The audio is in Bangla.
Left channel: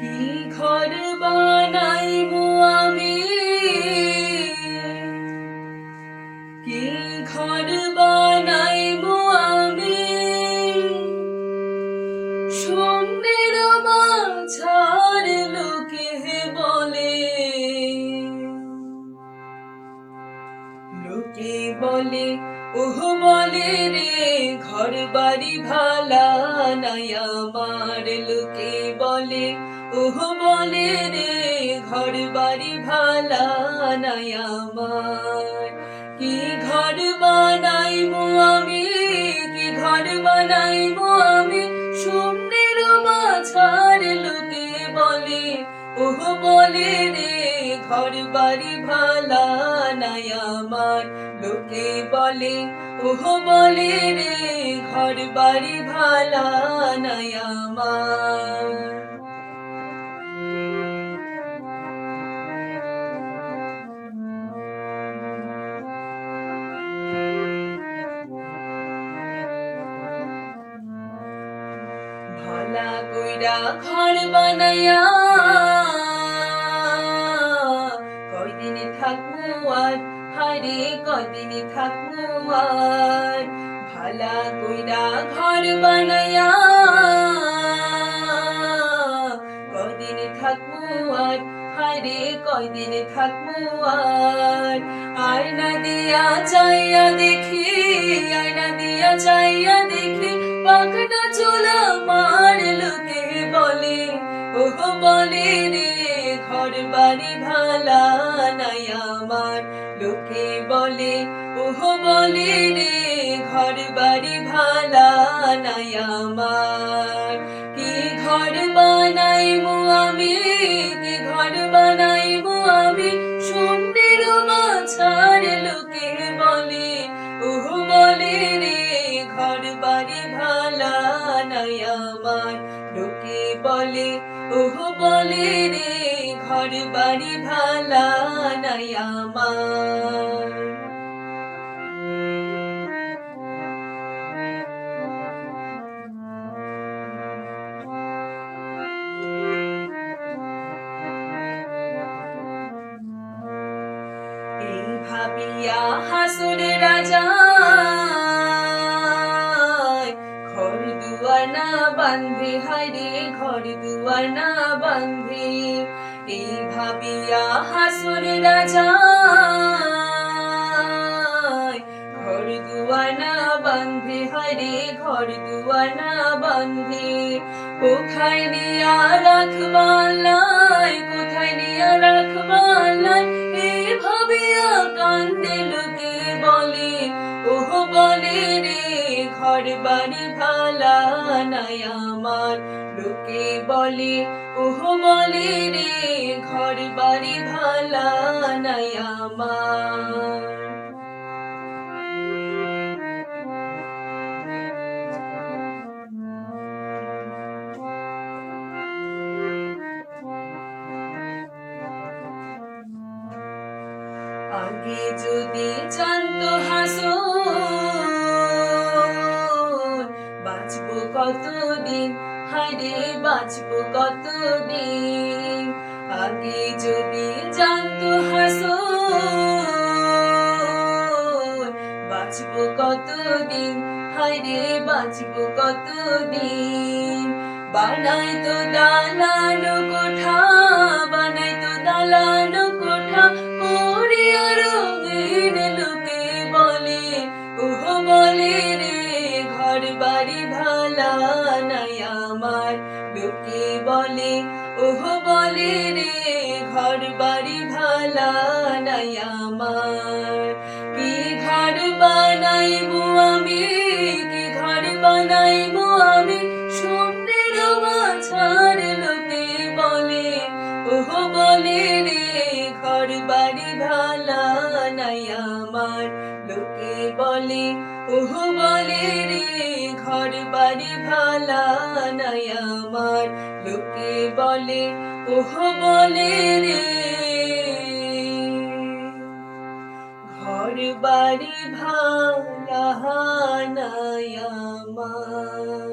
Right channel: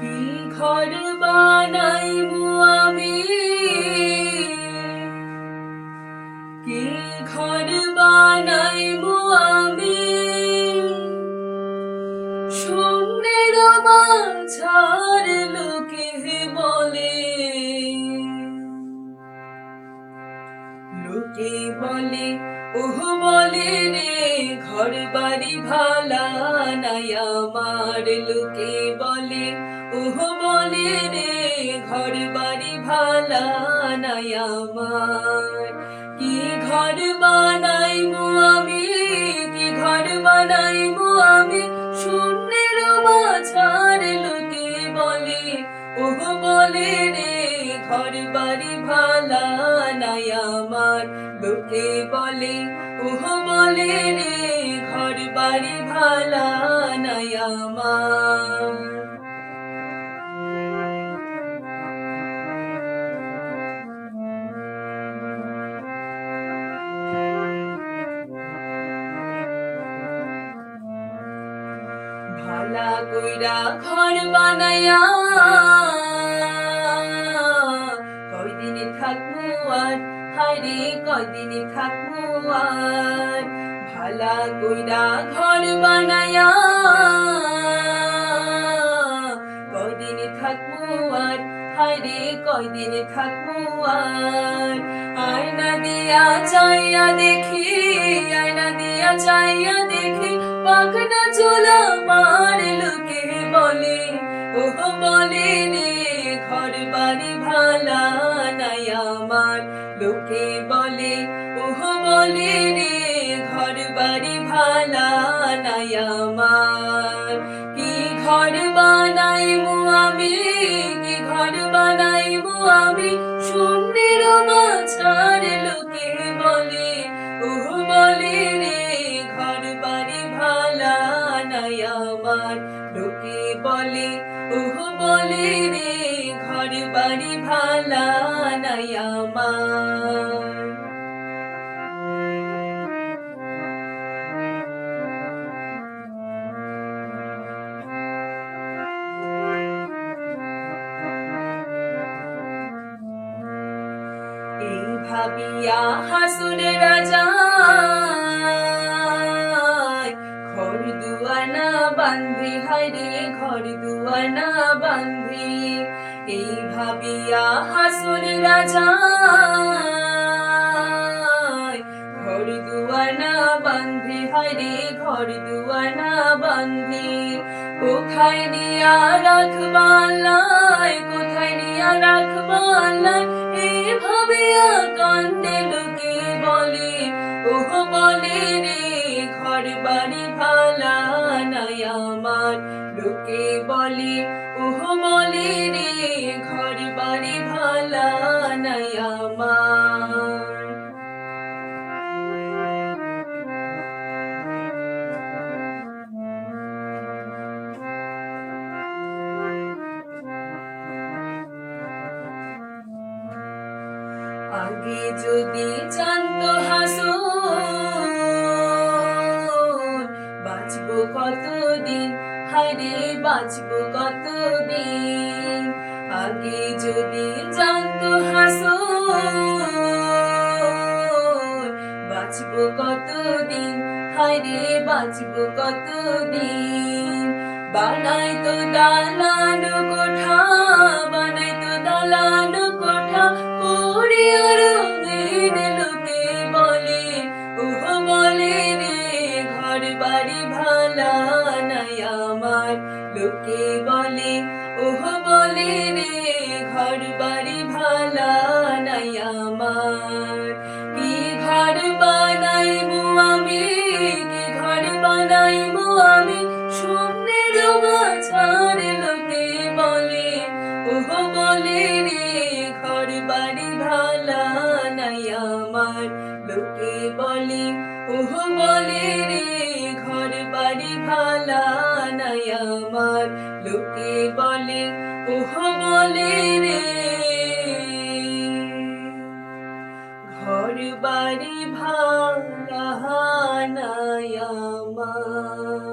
কি ঘর বানাইবো আমি, কি ঘর বানাইবো আমি, শূন্যের মাঝার লোকে বলে, লোকে বলে ওহ বলে রে ঘর বাড়ি ভালা নাই আমার, লোকে বলে ওহ বলে রে ঘর বাড়ি ভালা নাই আমার। কি ঘর বানাইবো আমি, কি ঘর বানাইবো আমি, শূন্যের মাঝার লোকে বলে ওহ বলে রে ঘর বাড়ি ভালা নাই আমার, লোকে বলে ওহ বলে রে ঘর বাড়ি ভালা নাই আমার। ভালা কইরা ঘর বানাইয়া কয়দিনে থাকবো আর, হায়রে কয়দিনে থাকবো আর। ভালা কইরা ঘর বানাইয়া কয়দিনে থাকবো আর, হায়রে কয়দিনে থাকবো আর। আয়না দিয়া চাইয়া দেখি, আয়না দিয়া চাইয়া দেখি, পাখনা চুলা আমার, লোকে বলে ওহ বলে রে ঘর বাড়ি ভালা নাই আমার, লোকে বলে ওহ বলে রে ঘর বাড়ি ভালা নাই আমার। কি ঘর বানাইবো আমি, কি ঘর বানাইবো আমি, শূন্যের মাঝার লোকে বলে ওহ বলে রে ঘর বাড়ি ভালা নাই আমার, লোকে বলে ওহ বলে রে ঘর বাড়ি ভালা নাই আমার। এই ভাবিয়া হাসুর রাজা ঘর দুয়ানা বান্ধে, হায়রে ঘর দুয়ানা বান্ধে। এই ভাবিয়া হাসুর রাজা ঘর দুয়ানা বান্ধে, হায়রে ঘর দুয়ানা বান্ধে। কোথায় নিয়া রাখবা আল্লাহ, কোথায় নিয়া রাখবা আল্লাহ, এই ভাবিয়া কান্দে লোকে বলে ওহ বলে রে ঘর বাড়ি ভালা নাই আমার, লোকে বলে ওহ বলে রে ঘর বাড়ি ভালা নাই আমার। আগে যদি জানতো হাসুন বাঁচবো কতদিন, হায়রে বাঁচবো কতদিন। আগে যদি জানতো হাসুন বাঁচবো কতদিন, হায়রে বাঁচবো কতদিন। বানাইতো দালানো কোঠা, বানাইতো দালানো কোঠা, করে রঙিন, লোকে বলে ওহ বলে রে ঘর বাড়ি ভালা নাই আমার, লোকে বলে ওহ বলে রে ঘর বাড়ি ভালা নাই আমার। কি ঘর বানাইবো আমি, কি ঘর বানাইবো আমি, শূন্যের মাঝার লোকে বলে ওহ বলে রে ঘর বাড়ি ভালা নাই আমার, লোকে বলে ওহ বলে রে ঘর বাড়ি ভালা নাই আমার, লোকে বলে ওহ বলে রে ঘর বাড়ি ভালা নাই আমার।